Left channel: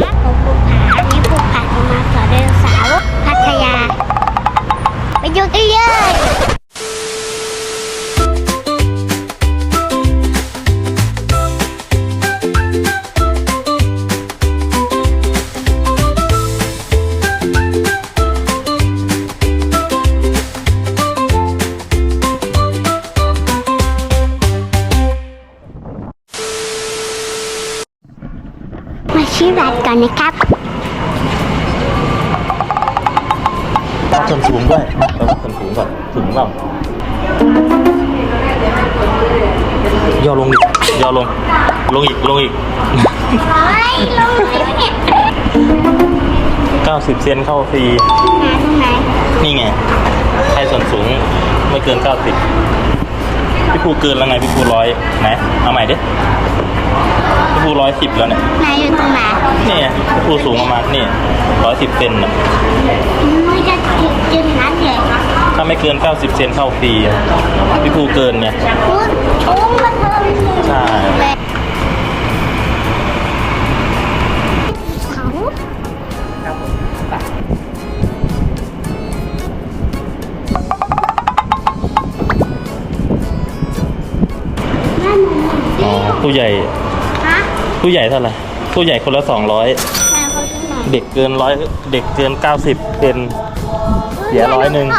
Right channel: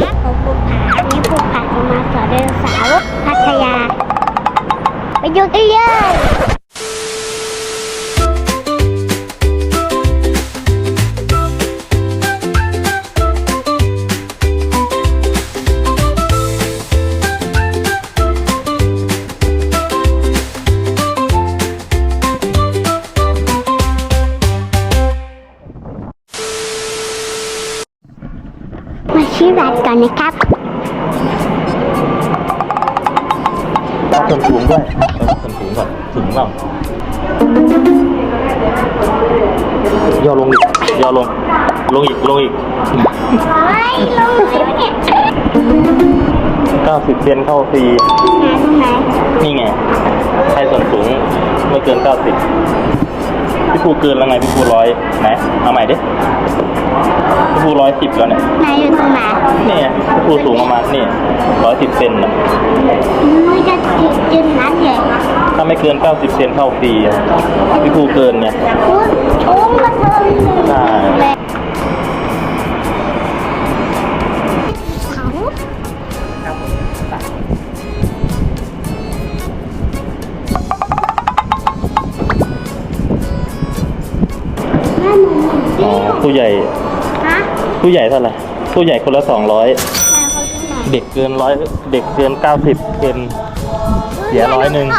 ผมภูผาอันนี้ภูผาจะมาสอนไดนเสาร์พัทยา ไปดูกันเลย ลงอีกเฮ้ยลงไหนวะเนี่ย90 เซนเข้าฟรีไหนตรงไหนนี่ไงใครส่วนสูงไม่เกิน 90 พี่ภูเกินแล้วไง พี่ภูร้อยไหน เอาใหม่ดิ พี่ภูร้อยสิบแล้วเนี่ย ไหนอยู่ตรงไหนนี่ไงพี่ภูสูงประมาณนี่ร้อยสิบเซนน่ะไม่จะถึงจุดนั้นเลยถ้าไม่เกิน 90 เซนเข้าฟรีอะพี่ภูเกินไงโอ้โอ้มาเพิ่มใช่ เลย อ๋อผู้ใหญ่ ฮะผู้ใหญ่เท่าไหร่ผู้ใหญ่คนละ200แม่เขาที่ไหนเด็กเกินร้อยเด็กเกิน90เป็นเสียร้อยหนึ่งแม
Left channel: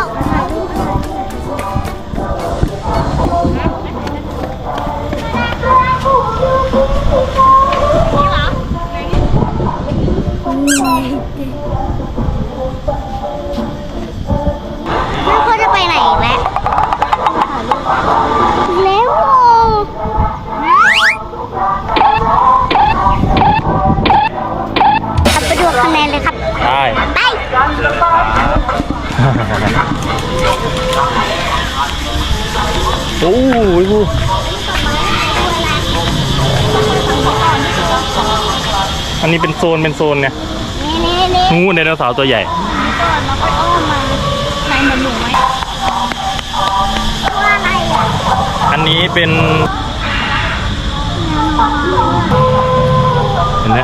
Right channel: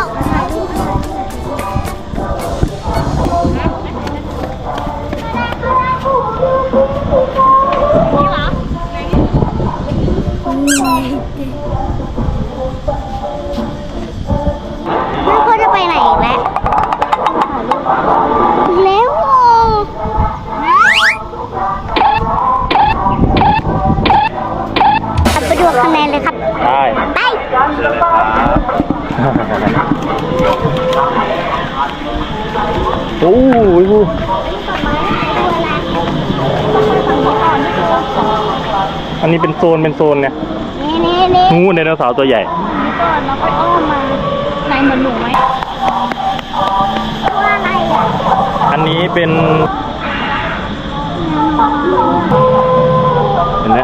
่ อ้ยผู้อันนี้เป็นโซนเป็นโซนเนี่ยนี่นี่นี่งูไดโนเสาร์ตัวใหญ่ก่อนแล้วค่อยอ้อมมาไหนเหมือนหนูไหมตัวอะไรอะอันนี้เป็นเห็นไหม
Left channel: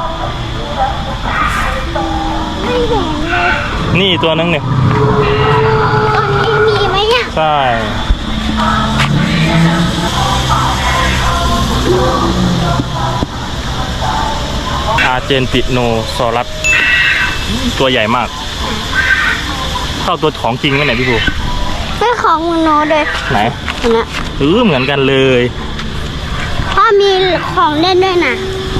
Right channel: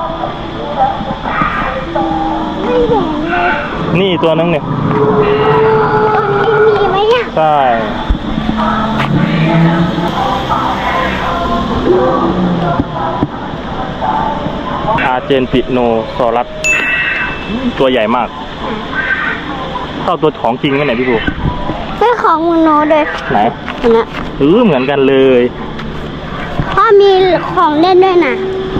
ไม่เห็นเลยนี่ตัวนึงเนี่ยตอนนี้มีไหมเนี่ยใช่ อาร์เจนติโนซอรัสตัวใหญ่มากเท่าตัวของจริงไหมไหนพี่ภูไม่ของหนูเลยไหนคนนะเออเหมือนกันเลยพ่อมีของเล่นด้วยนะ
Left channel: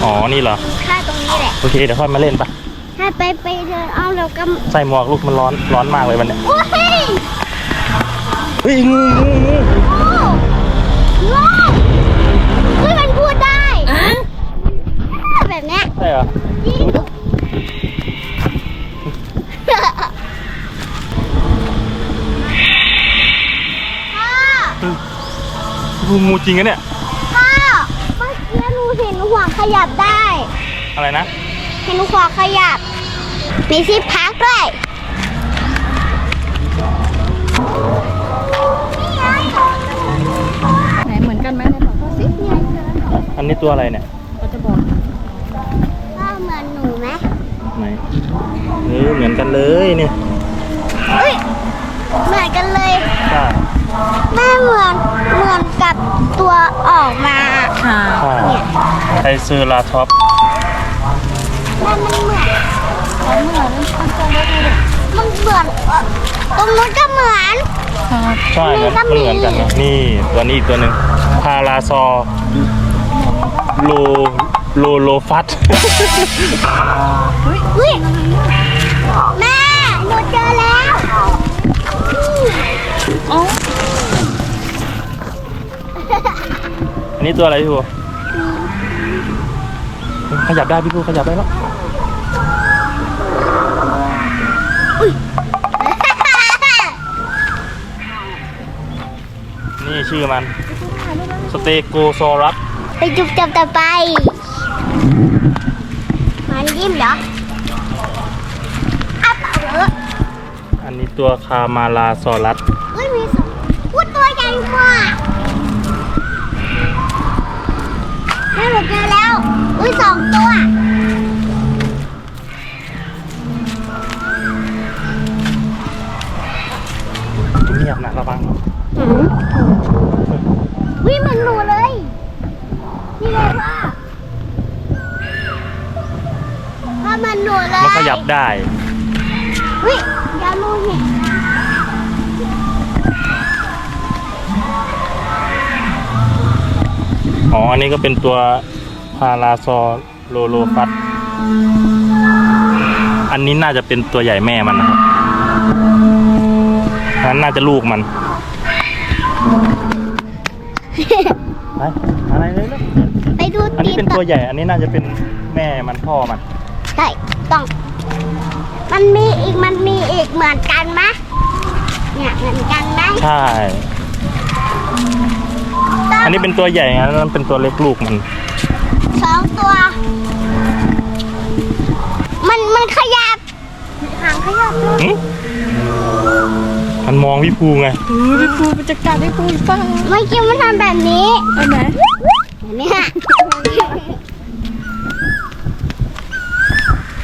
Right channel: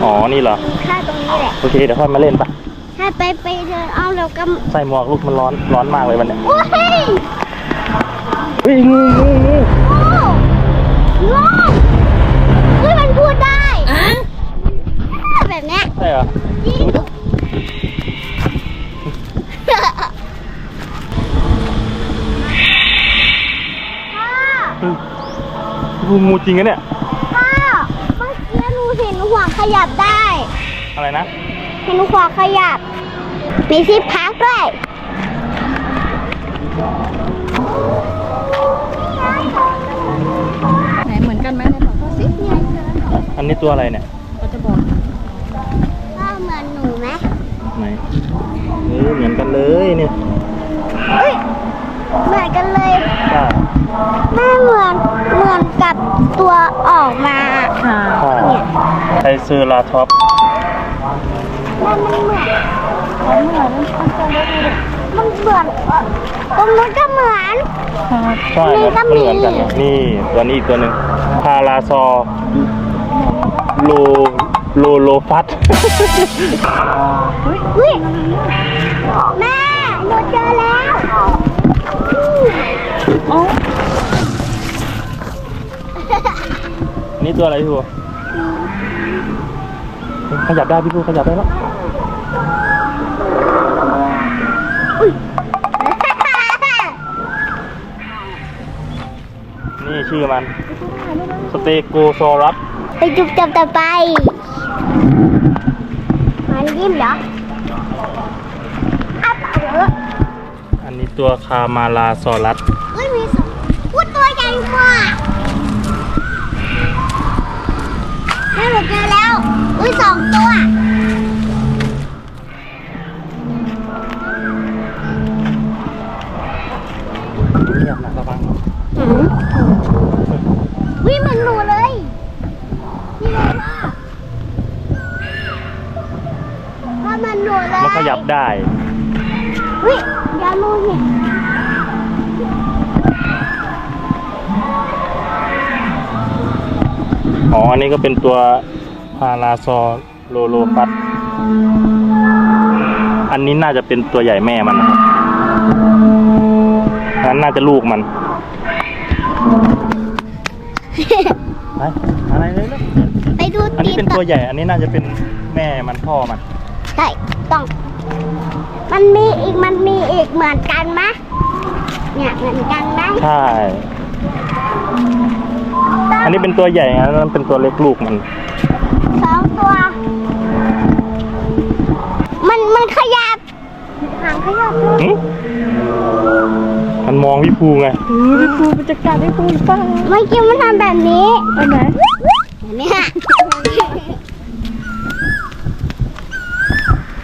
อ๋อนี่เหรอแค่ตรงนี้แหละโอเคเดี๋ยวค่อยมาเล่นปะให้ไปไปเดินเอาแล้วก็ใส่หมวกลูกมันร้อนร้อนมากเลยวันเนี้ยโอ้ยเฮ้ยงูงูงู โอ้โง่เฮ้ยมันพูดได้แบบเนี้ย ใช่เหรอจริงพ่องูงูจริงอะเนี่ย พ่อเมื่อกี้หนูเห็นหัวขยับได้ อะไรนะ เห็นหัวขยับ มีที่พักด้วยไหนเหมือนกันไหมไหนบอกเขาสิเนี่ยอันนี้ตัวอะไรเนี่ย เออเหมือนกันเลยนี่เฮ้ยเหมือนกันเลยใช่แม่เหมือนเหมือนกับตัวออกมาค่ะใช่เนี่ยไทเซอร์ลาท็อปแม่มันเหมือนเขาเหมือนมันจะได้ดูดิมันเหมือนตรงนู้นก็เหมือนค่ะใช่มันมันเหมือนกันนะนี่ตัวนี้อีกตัวหนึ่งพาราซอโลโลโลฟัสอุ้ยแม่ห นูเจอแล้วอ๋ออันนี้ตัวอะไรพี่บัวขยับได้พี่บัวขยับได้แล้วนี่ชื่อมัน สเตโกโซรัสไปจุบจับต่อไป มันยิ้มเหรอ ตัวคามาลาซอรัสพูดตัวใหญ่กว่าแม่หนูเจอแล้วอุ้ยสองตัว เงียบนะระวังนะวิ่งมันหนูเลย นี่เลยว่าว่ามันหนูเลย มันขยับได้ เฮ้ยอย่าลูกนี่อ๋อ อันนี้ก็เป็นตัวพาราซอโลโลฟัสอันนี้น่าจะเป็นตัวใหญ่แม่มันนะครับอันนั้นน่าจะลูกมัน ไปอะไรเลยลูกไปดูอันตีนี้เป็นต่ตัอวใหญ่ อันนี้น่าจะเป็นแม่มันพ่อมัน ใช่ ต้อง มันมีอีกมันมีอีกเหมือนกันไหมเนี่ยเหมือนกันไหมใช่ อันนี้เป็นตัวใหญ่อันนั้นเป็นตัวเล็กลูกมัน สองตัว มันมันขยับหางขยับเลยหึมันมองพี่ภูไงเออพี่ปูมันจะกัดพี่ปูหรือเปล่าเมื่อกี้มันทำแบบนี้อันไหนเนี่ย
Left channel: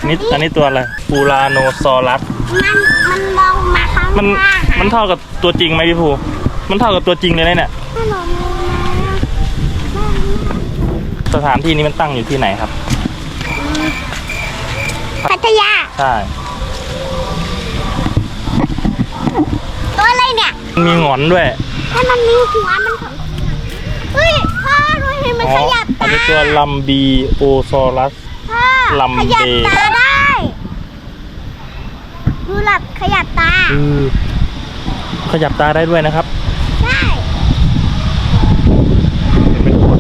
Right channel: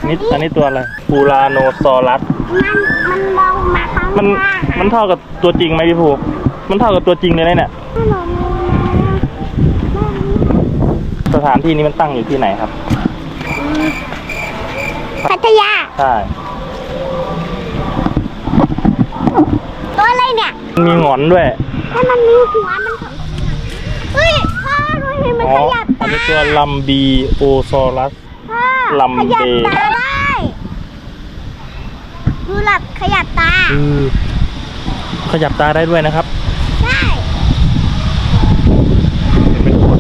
นี่อันนี้ตัวอะไรปูลาโนซอรัส มันมันมองมาข้างหมันน้ามันเท่ากับตัวจริงไหมพี่ภู มันเท่ากับตัวจริงเลยนะเนี่ยขนมสถานที่นี้มันตั้งอยู่ที่ไหนครับ พัทยา ใช่ ตัวอะไรเนี่ยมันมีหงอนด้วย ถ้ามันมีหัวมันของเฮ้ยพ่อดูเห็นมันอ๋อ ขยับอันตานี้ตัวลัมบีโอซอรัส พ่อลำขยับเบ ตาได้ดูหลับ ขยับตาอือ ขยับตาได้ด้วยนะครับใช่เป็นคน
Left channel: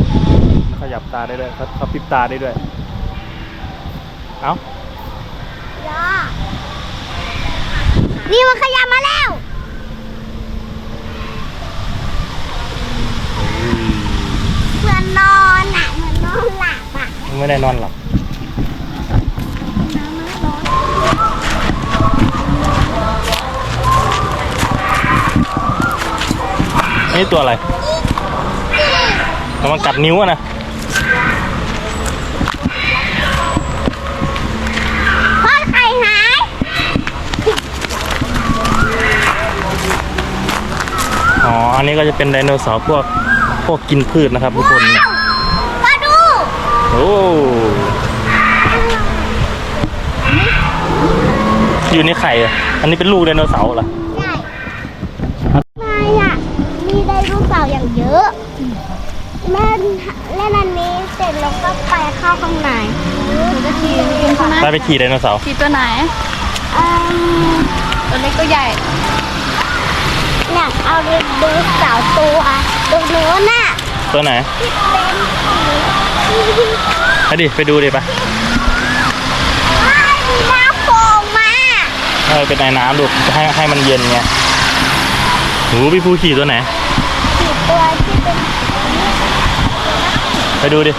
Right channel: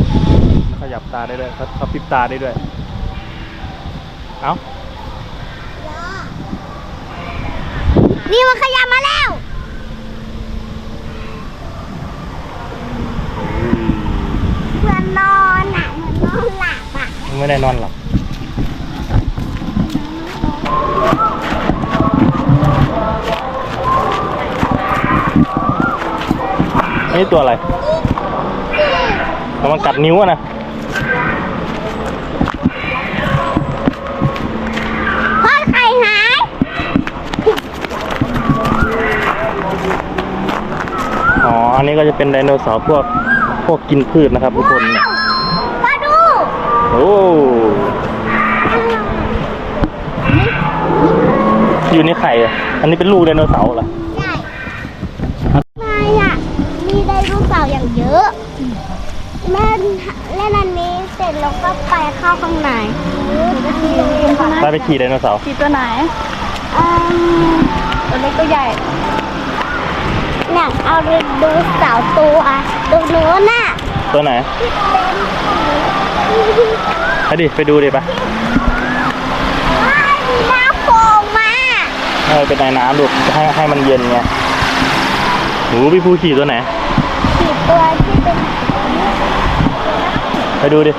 ขยับตาได้ด้วยเขาพริบตาได้ด้วย เอ้าย่อนี่มันขยับมาแล้วเหมือนนอนอะเหมือนนอนหลับอะไม่ได้นอนหลับ นี่ตัวอะไรมันกัดนิ้วอะนะพ่อไข่หายอ๋อ อันนี้ก็จะเป็นไดโนเสาร์พวกพวกกินพืชนะครับทุกคนว้าวมาดูโอ้อยู่ในไข่อะอันนี้เป็นลูกไดโนเสาร์เหรอ ใช่ไม่อะ มีไดโนเสาร์อย่างเยอะแม่เล่นอันนี้เสร็จแล้วก็ไปเข้าข้างใน จะขี่เองใช่ ไหมได้ไปขี่ไดโนเสาร์ขี่ตัวไหนอืมตัวเล็กตัวใหญ่เนี่ยเอาไปดูเสาตัวตรงนู้นน่ะตัวไหนไปดิไปดูดิปะว้ายมีน้ำโผล่มาเออเป็นในน้ำดูให้ให้มันเย็นไงหูพี่ภูขี่ตัวไหนสี่ตัวที่เป็นไปดูดิ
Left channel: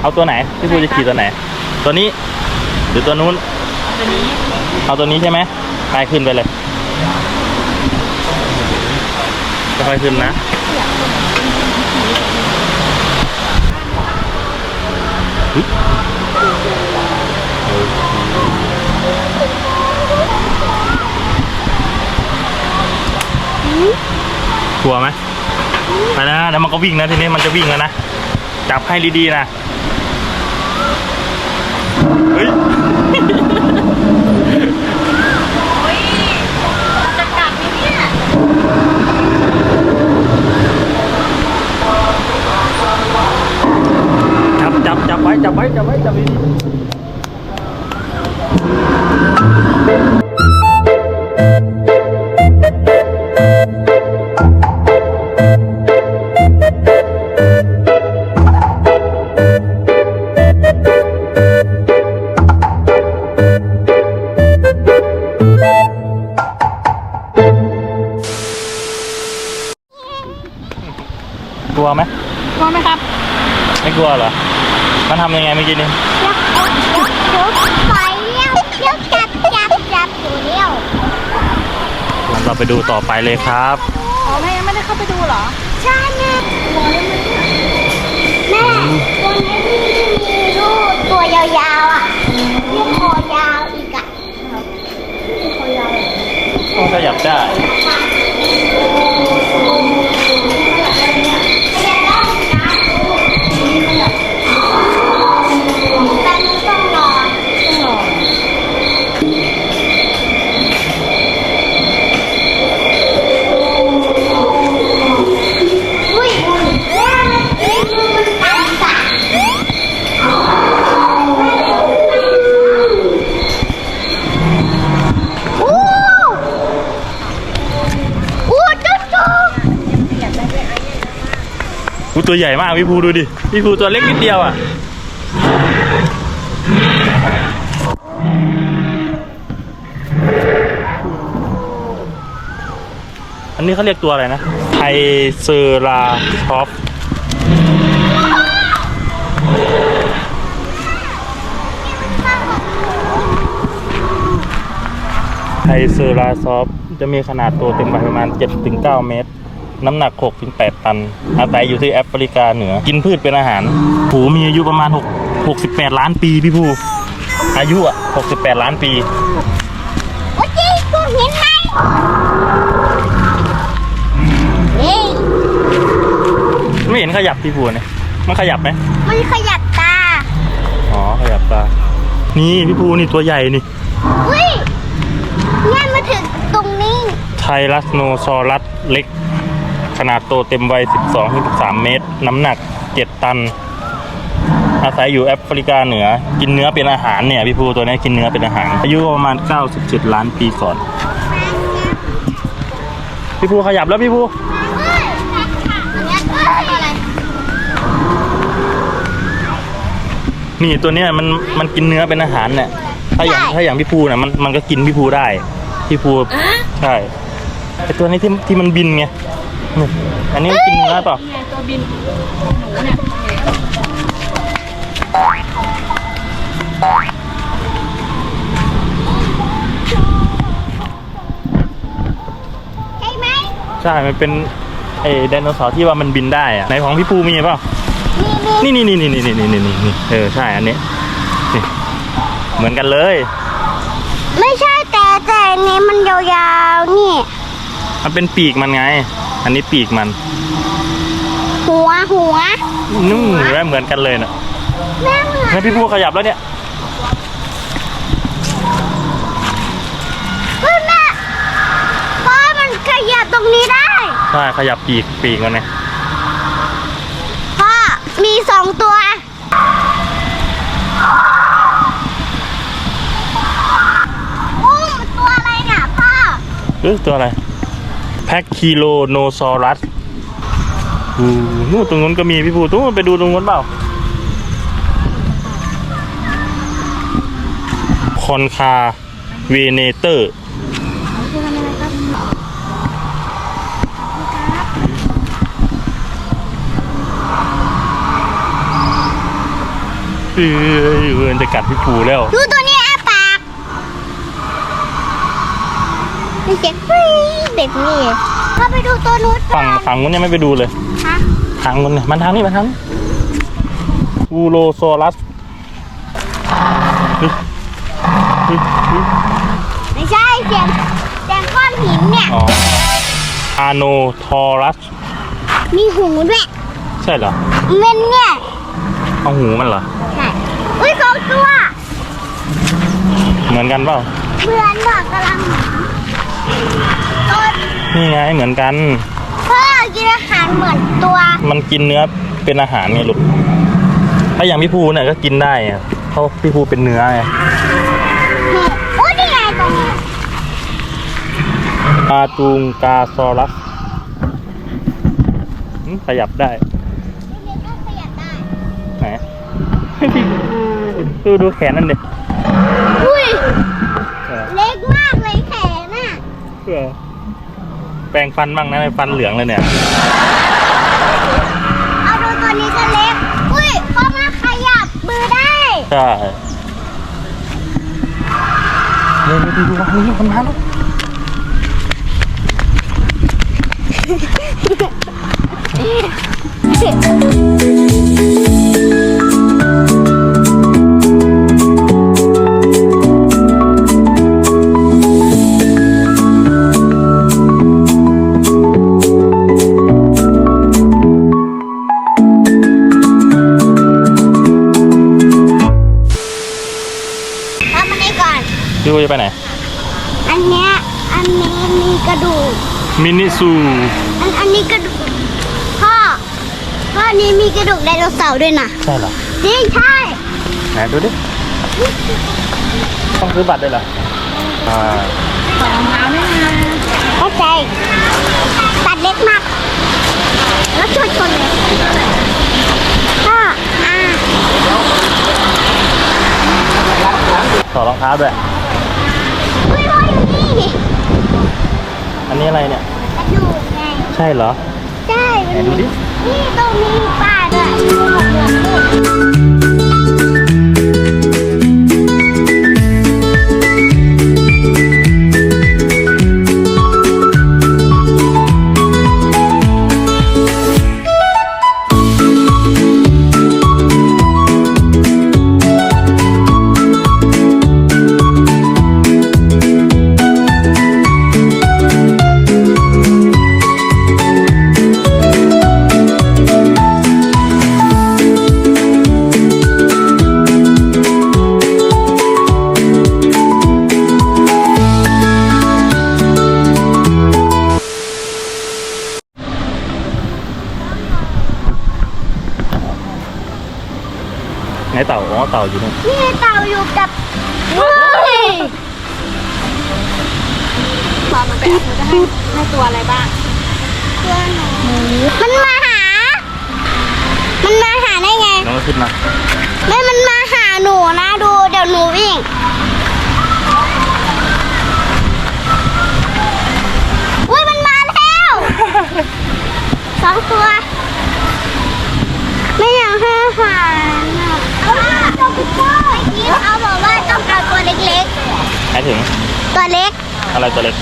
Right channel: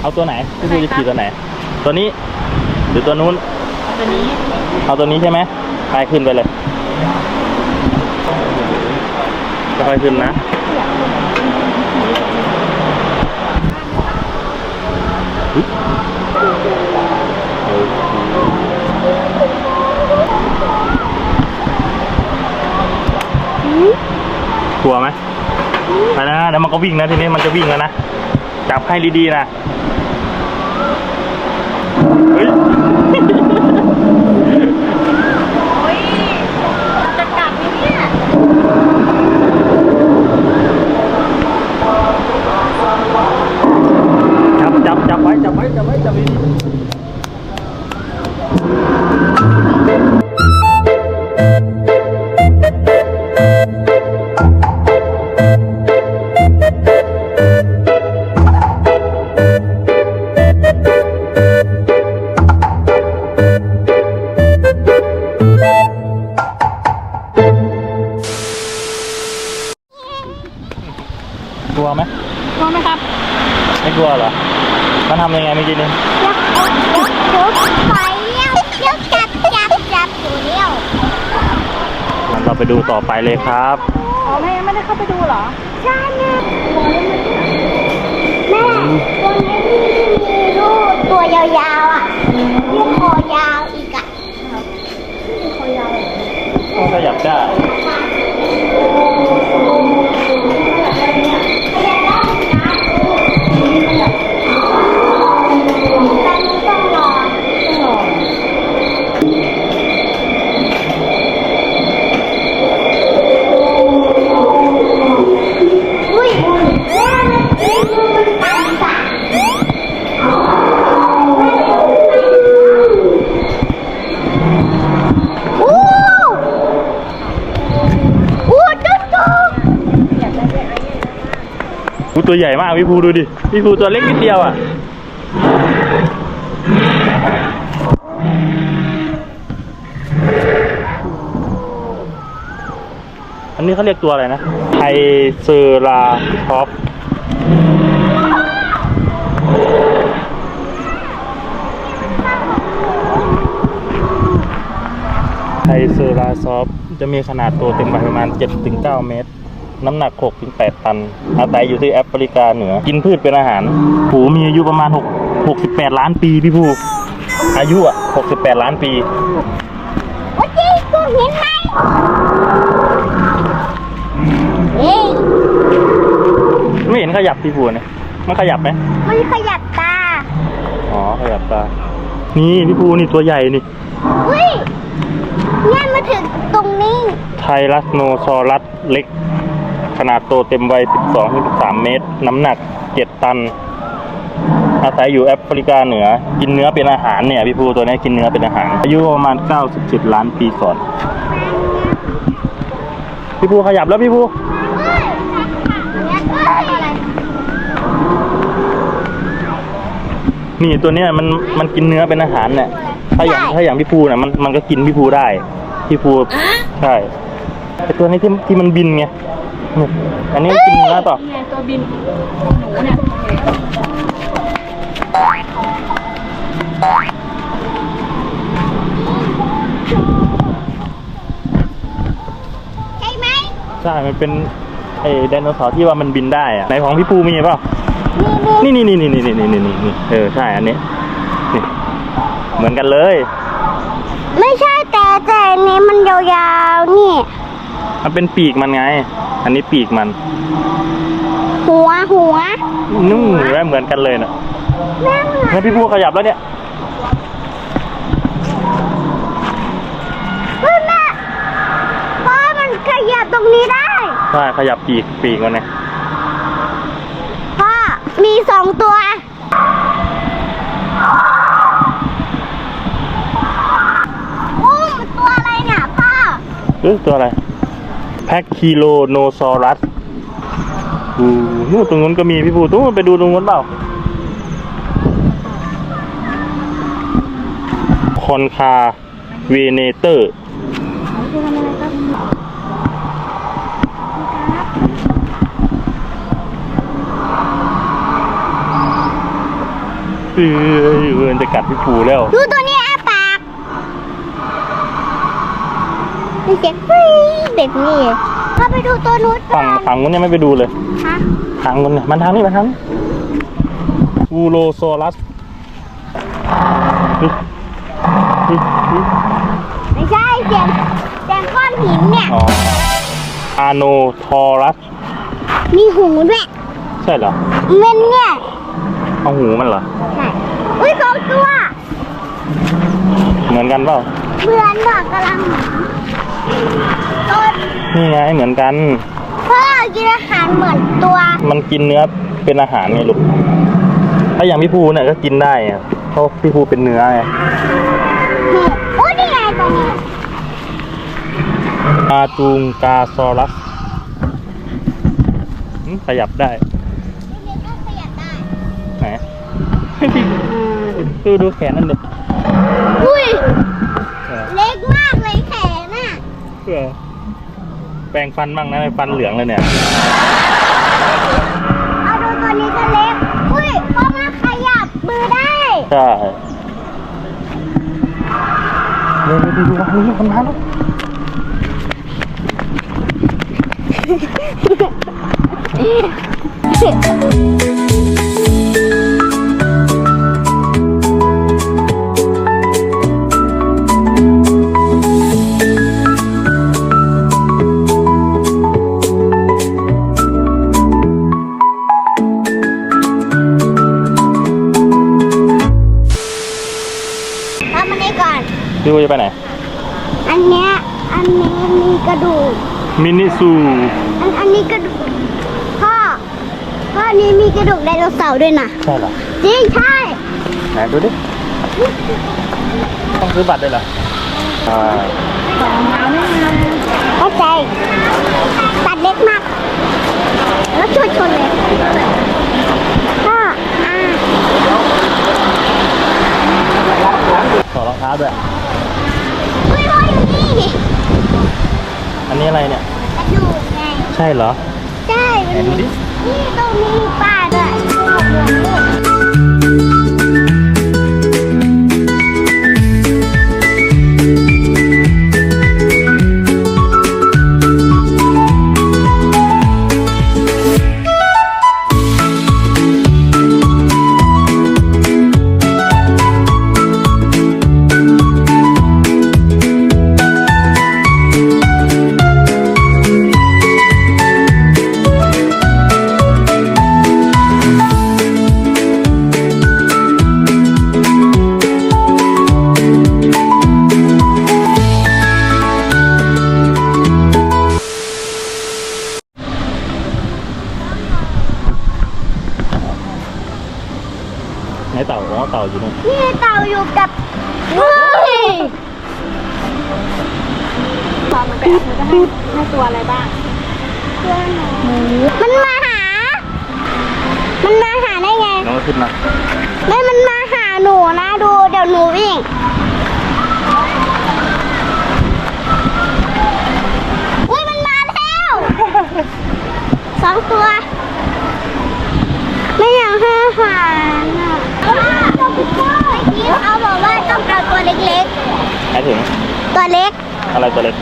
เอาตัวไหนพี่ภูจะขี่ตัวไหน ตัวนี้หรือตัวนู้น ตัวนี้เอาตัวนี้ใช่ไหมไปขึ้นไปเลยค่อยๆขึ้นนะ กลัวไหมไปนะเดี๋ยวมันก็วิ่งนะทีนี้มันจะวิ่งแล้วนะ จับให้ดีๆนะ เฮ้ยจะกับไหมเนี่ย จับจับจับไว้จับไว้จับไว้จับดีๆ เลยครับ อ๋อแม่ยังไม่ได้เข้าไปดูเหรอ ใช่แม่แม่ตัวนี้ที่มีลูกตัวยาวๆอะที่คอยาวอีกอะ ต้องขยับได้ แต่มันต้องรอ ตัวใหญ่มากพี่ภูดูดิ พี่ภูตัวเล็กนิดเดียวอะอันนี้เขาเรียกตัวอะไรนะไทเซอราชอฟไทเซอราซอฟจะมีขนาดตัวเต็มใบประมาณ 7-9 เมตร น้ำหนัก 6-8 ตัน อาศัยอยู่ที่แอฟริกาเหนือ กินพืชเป็นอาหารหูมีอายุประมาณ 6 68 ล้านปีพี่ภูอายุอะ 68 ล้านปีโอ้ยจีกูเห็นไหมเฮ้ยไม่เห็นขยับพี่ภูเนี่ยมันขยับไหมมันขยับตา อ๋อ ขยับตา นี่พี่ภูนี่ตัวใหญ่นี่เฮ้ยเนี่ยมาถึงตรงนี้ ไทรัสโนซอรัสเล็ก ขนาดโตเต็มวัย 12-13 เมตร น้ำหนัก 7 ตัน อาศัยอยู่แอฟริกาเหนือ กินเนื้อเป็นอาหารเนี่ย พี่ภูตัวนี้กินเนื้อเป็นอาหาร อายุประมาณ 97 ล้านปีก่อน พี่ภูขยับแล้วพี่ภูเฮ้ยเนี่ยเฮ้ยอะไรนี่ตัวเนี้ยมันมันกินเนื้อเป็นอาหารเนี่ยถ้าอย่างถ้าอย่างพี่ภูเนี่ยมันมันก็กินพี่ภูได้ พี่ภูใช่ไอตัวนี้ที่ที่มันบินไง นี่อันนี้กินเนื้อเปล่าไงตัวบินหนูเนี่ยใช่ไหมใช่ มันเป็นไอ้ไดโนเสาร์ที่ว่ามันบินได้อะในของพี่ภูมีเปล่านี่นี่นี่นี่นี่นี่นี่นี่นี่นี่เออใช่อันนี้นี่เหมือนกันเลย ไม่ใช่แต่แต่อันนี้มันยาวๆนี่ มันเป็นปีกมันไง อันนี้ปีกมัน หัวหัวนู่นแล้วเหมือนกันเลยนะแม่เหมือนแล้วพี่ภูขยับแล้วเนี่ยเฮ้ยแม่พ่อมันขยับตรงนี้ได้ ใช่ขยับปีกปีกมันเนี่ยพ่อมีสองตัวโอ้มันตัวอะไรเนี่ยพ่อ เอ้ยตัวอะไร แพ็คคิโลโนซอรัสอู้นู่นตรงนู้นก็มีพี่ภูตู้ไปดูตรงนู้นเปล่า คอนคาเวเนเตอร์คืออเออจะกัดพี่ภูแล้ว ดูตัวนี้อาปากมันเสียงฟรี แบบนี้พ่อไปดูตัวนู้นก่อฝั่งนฝั่งนู้นยังไม่ไปดูเลยฮะทางนู้นเนี่ยมันทางนี้มันทางนี้อูโรโซรัสเฮ้ยเฮ้ยเฮ้ยไม่ใช่เสียงเสียงก้อนหินเนี่ยอ๋ออาโนทอรัส มีหูด้วย ใช่เหรอมันเนี่ยเอาหูมันเหรอ ใช่ อุ้ยสองตัว เหมือนกันเปล่าเพื่อนบอกกำลังตัว นี่ไงเหมือนกัน พ่อกินอาหารเหมือนตัว มันกินเนื้อเป็นอาหารไงลูก ถ้าอย่างพี่ภูเนี่ยก็กินได้อะเพราะพี่ภูเป็นเนื้อไงนี่อุ้ยนี่ไงตรงนี้อาจูงกาซอรัสอืมขยับได้นี่ก็ขยับได้ไหน ดูดูแขนนั่นดิอุ้ยเออเล็กมากเลยแขนน่ะ เออ แปรงฟันบ้างนะฟันเหลืองเลยเนี่ยเอาดูตัวนี้ก็เล็ก อุ้ยพ่อมาขยับมือได้ใช่เร็วๆดูดูว่าเฮ้ยคนมาแล้ว พี่ภูจะไปไหน อันเนี้ยอันนี้มีกระดูก มินิซูอันอันนี้กระดูกพ่อพ่ออันนี้มีกระดูกไดโนเสาร์ด้วยนะใช่เหรอจริงใช่ ไหนดูดิ ต้องซื้อบัตรด้วยเหรอใช่รองเท้าเนี่ยนะเข้าใจตัดเล็กมาก แล้วชนชนเลยก็อ่า ถอดรองเท้าด้วย เฮ้ยพ่ออยู่นี่ อันนี้อะไรเนี่ยกระดูกไงใช่เหรอ ใช่ไหนดูดิ นี่ตรงนี้มีป้าด้วย เฮ้ยพอมันไปอัพมันจะให้ให้ตัวอะไรบ้างเพื่อนมันมาหา มันมาหาได้ไง น้องก็ขึ้นมาแม่มันมาหาหนูนะดูเดี๋ยวหนูวิ่งอุ้ยมันมาแล้วสองตัว ไม่อยากให้อาหารอะ เอาตัวเล็กหมายถึงๆ ตัวเล็ก อะไรตัวเล็ก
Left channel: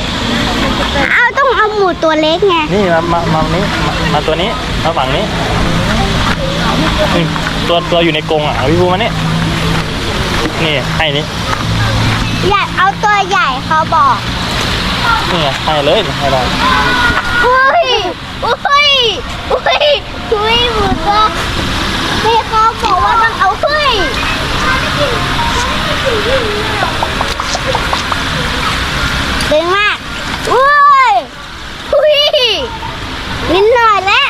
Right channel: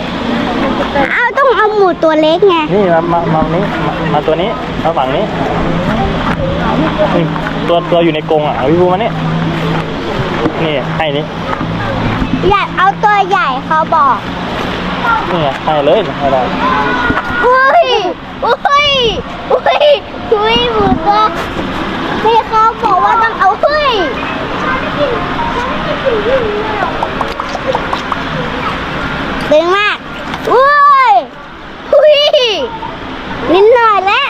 เอาต้องเอาหมูตัวเล็กไง นี่มามามานี้มามาตัวนี้มาฝั่งนี้นี่ตัวตัวอยู่ในกรงอะเอาพี่ภูมานี่นี่ให้นี่อยากเอาตัวใหญ่เขาบอก นี่ไงให้เลยให้ได้อุ้ย อุ้ย อุ้ย อุ้ยหมูตัวพี่เขาบอกว่าต้องเอาอุ้ย ดึงมากอุ้ยอุ้ยนิดหน่อยแล้ว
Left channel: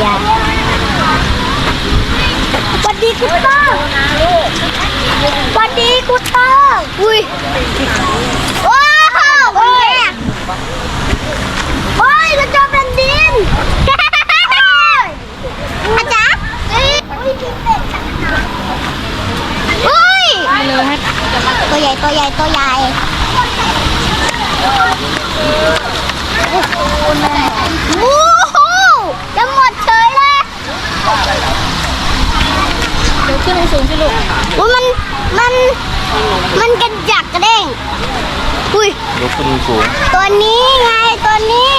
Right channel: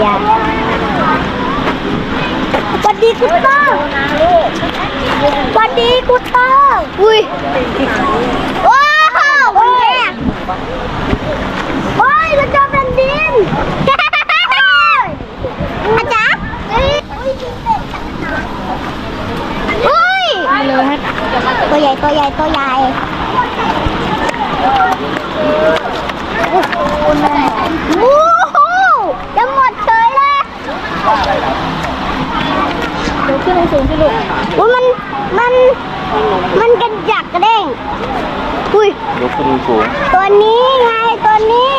อย่าสวัสดีคุณป้าสวัสดีกูเตอร์อุ้ย ว้าวโอ้ยโอ้ยเราเจอแผ่นดิน อาจารย์เฮ้ยอุ้ยอุ้ยตัวใหญ่ ตัวใหญ่ตัวใหญ่โอ้โหจะหมดเฉยเลยเดี๋ยวขึ้นสูงๆสิลูกอุ้ยมัน มัน มันกระจักกระเด้งอุ้ยยกขึ้นสูง ตัวนี้ไง ตัวนี้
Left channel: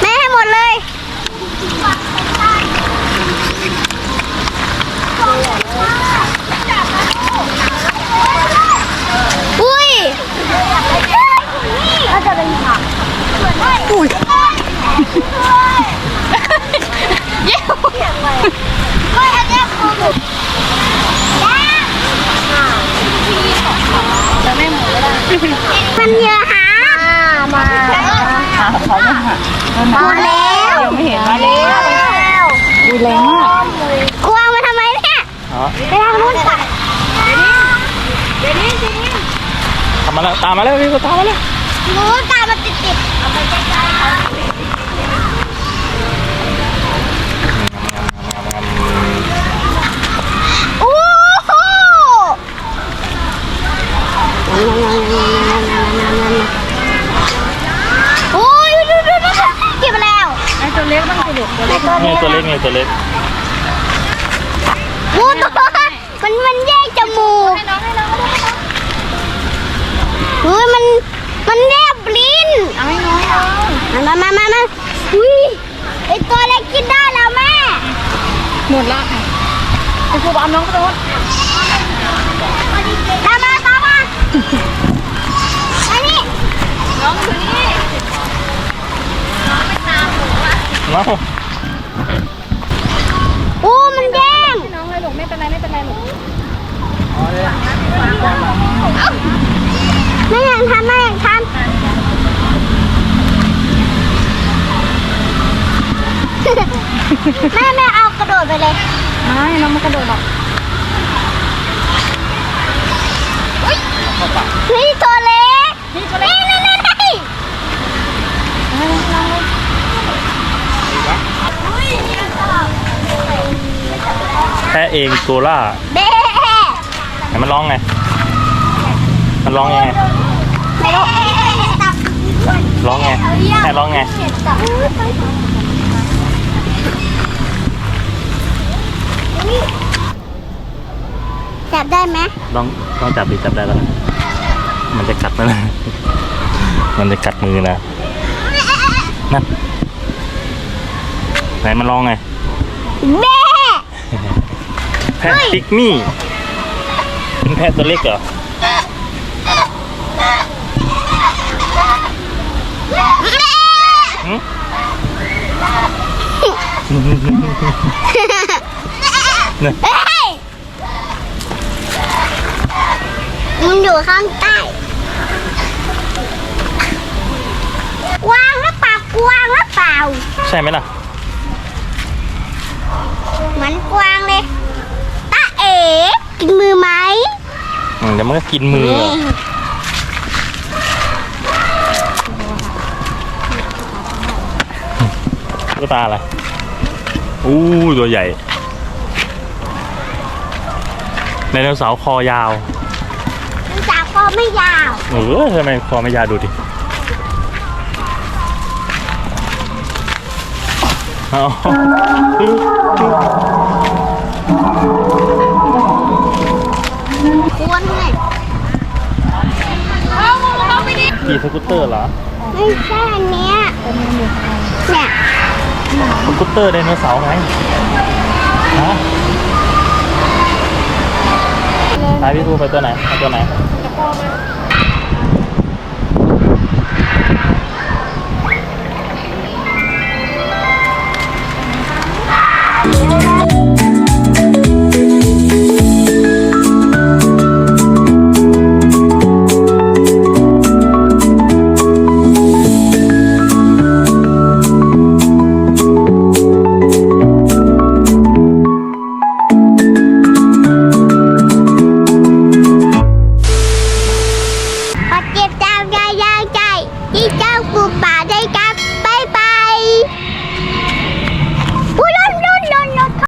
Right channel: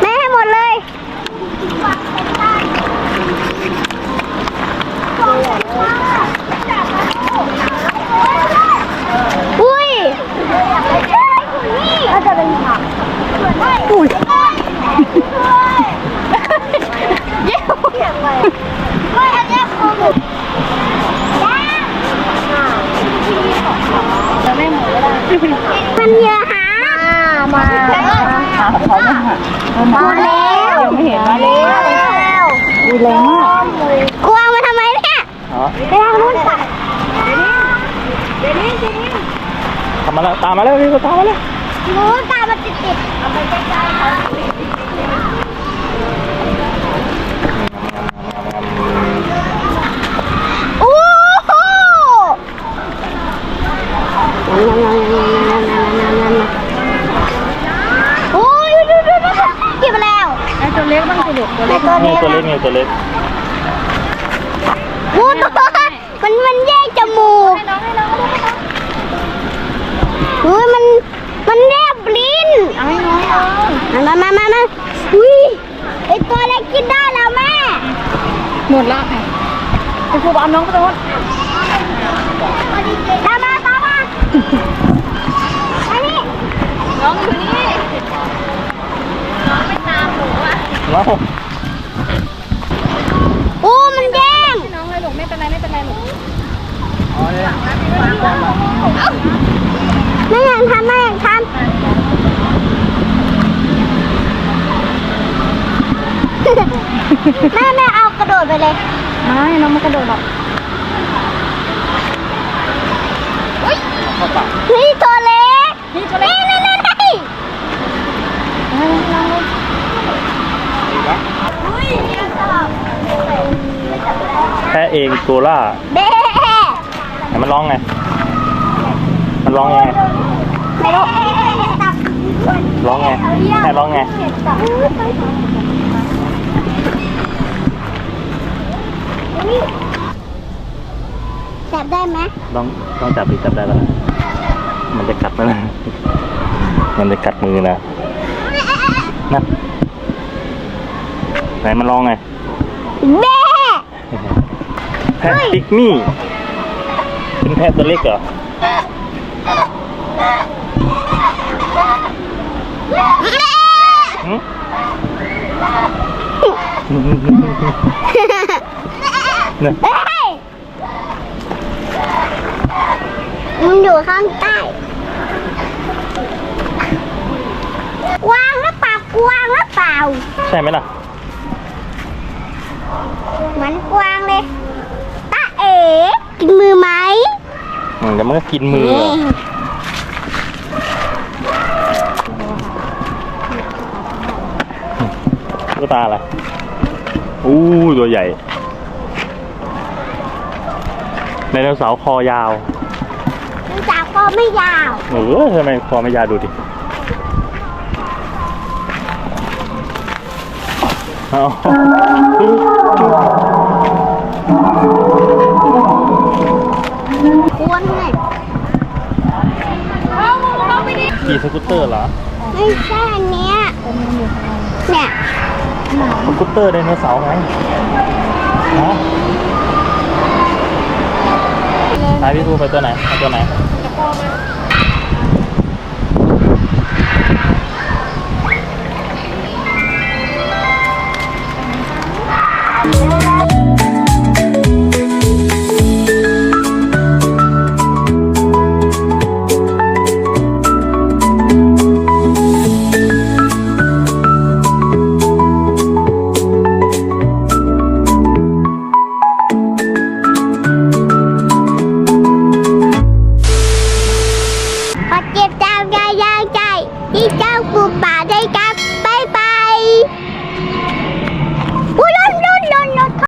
แม่ให้หมดเลย อุ้ยก็จะเป็นผักอุ้ยเย้เฮ้ยอันเนี้ยคือหมูย่าง มันเยอะหามามาแล้ว ไม่เห็นมาเลย แล้ว ดูแรงมาก กลัวมาทำไมเนี่ย อ๋อ ไปทางนู้นค่ะ ทำ มาแล้วตามมาแล้วพี่ก็ตามมาแล้วหนูตามมาติดติดโอ้โหโอ้ยดูดูดูเก็บมาแล้วไอตัวเล็กบ้างสิลูกตัวเล็กนี่ตัวเล็กนี่ตัวเล็กงูตัวมันมันแยกจมูก เฮ้ยมันมันแนบลิ้นเอาให้น้องเอามามามามาอุ้ยไอตัวเล็กกินได้แล้วแม่หมดละไอ้ครูบอกเอาน้องกระโดดตามมาตามมาอันนี้น้องอยู่นี่เนาะโอ้มันแดงให้น้องเลยลูกไม่เป็นไรไม่เป็นไรลูกไม่อยากทำไม่อยากทำ แม่แม่เอากระโดดไปเลย ไม่ น้องมันกระโดดหรอกเฮ้ยตัวเล็ก นี่ตัวเล็กนี่นี่นี่แพะเองโกล่าเบ๊ไหนมันร้องไง มันร้องยังไงไม่รู้ตับร้องไงแพะร้องไง จับได้ไหมลองลองจับดิจับได้แล้ว มันจะกัดนะมันจะกัดมือนะนั่นไหนมันร้องไงเบ๊แพะปิกมี่เป็นแพะตัวเล็กเหรอหึ เนี่ยเฮ้ยมันอยู่ข้างใต้กวางหรือเปล่ากวางหรือเปล่า ใช่ไหมล่ะ เหมือนกวางเลยตาเอ๋กินมือไหมอืมเดี๋ยวมันก็กินมือตุ๊กตาอะไรอู้ตัวใหญ่ ไดโนเสาร์คอยาวมันจากคอไม่ยาว เออทำไมคอไม่ยาวดูดิเอากวนไงขี่สกูตเตอร์เหรอ ไม่ใช่อันเนี้ยเนี่ยสกูตเตอร์ไดโนเสาร์ไงฮะ พาพี่ทูไปตัวไหนเอาตัวไหน